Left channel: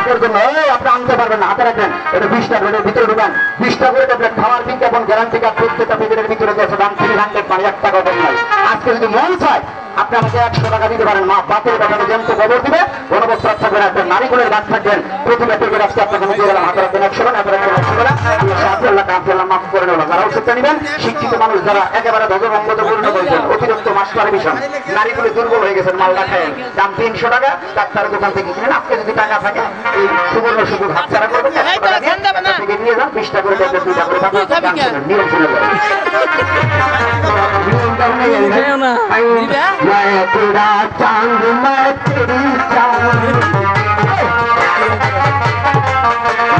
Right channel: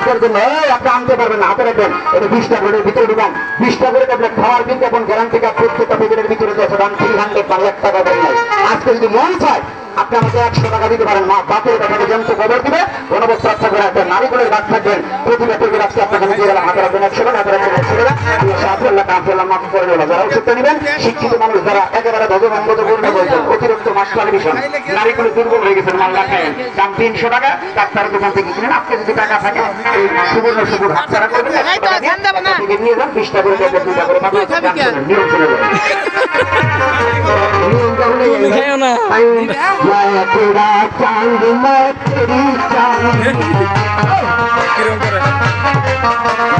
আজকের জন্য আপনি আনতে পারবেন না, হাতে রাখবেন। এটা 20 টা করে ভিতরে ঢুকান। 20 টা করে ট্যাবলেট খাওয়ার বিজ্ঞাপন গ্যারান্টি কার্ড প্রত্যেকটা প্যাকেটের ভিতরে দিয়েছে, দাম 300 মানে 1 টাকা দেন নাই। আজকে যদি মন চায় আপনি আমাকে 100 টাকা দিতে পারেন। মা বাপের কথাকে যেমন খবর দিবে অনবস্থার থাকবে রাখবেন, নারীগুলোর গাছ থাকবেন। প্রতিটা টেবিল আসছে আপনাকে দিয়ে গেলাম, হাতে রাখবেন 100 টাকা, হাতে রাখবেন 100 টাকা। আল্লাহ কাফেল্লাহ মাফ করে দেবো। যারা ওষুধটা নেবেন শিক্ষিত মানুষ, যারা একেবারে ধর্মপূর্ণ বলছেন, অতিরিক্ত মাস্টার মিশন, নারীগুলো দুর্বল হয়ে গেছেন, মাল রাখেন, দাম 300 টাকা। ডাক্তারের দোকান থেকে কিনেন। আপনি যদি টাকা থাকে এই সুবর্ণ সুবর্ণ হাত ছাড়া করবেন, 100 টাকা দিয়ে নিয়ে যান। 20 টাকা করে ট্যাবলেট 2 টাকা করে পাবেন। নিয়ম শুনে যাবেন। तेरा चांद मैं तेरी चांद,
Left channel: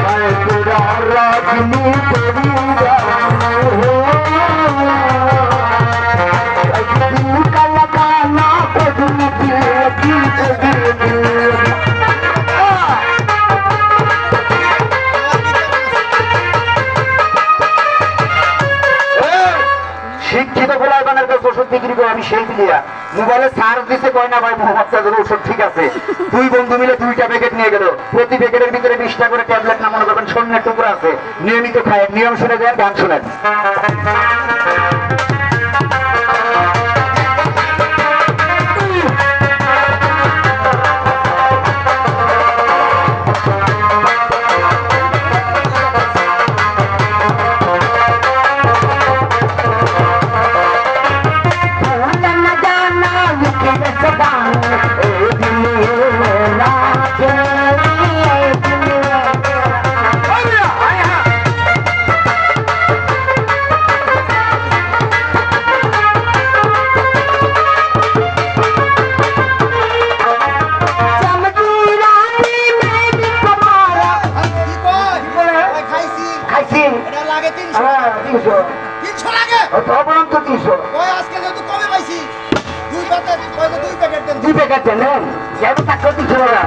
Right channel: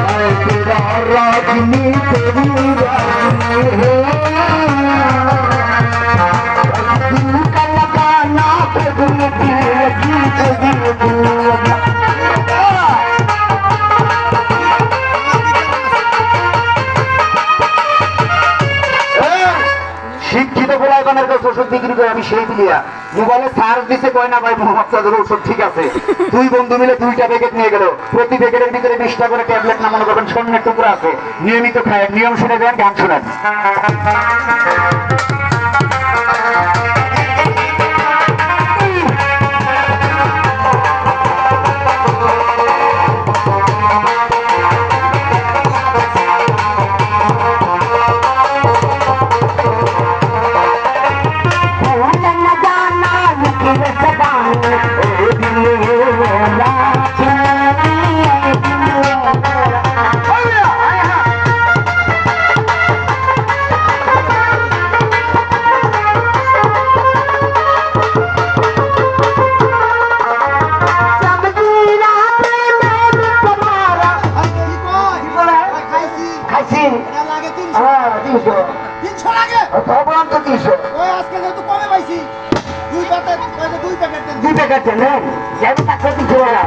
मैं तेरा राजनी तेरी रानी है, दिल का लगाना तो दिल की लगी तो दिल की लगी। শিক্ষিত গোলাগানের কাছে ওষুধ বিক্রি করে আমি সেই দিয়া মোবাইলে চার্জ দিতে কয় না ভাই মোহাম্মদ ওষুধ ঠিক আছে। 2 বন্ধু মিলে 2টা প্যাকেট নিয়ে গেল, প্রতি প্যাকেটের ভিতরে 20 টা করে ট্যাবলেট না মনে করবেন স্বর্ণের টুকরা আছে। নিয়মিত খায়, নিয়ম শুনে যান, গান শুনেন। দুই প্যাকেট নেন, যেহেতু টাকা দিচ্ছিল না।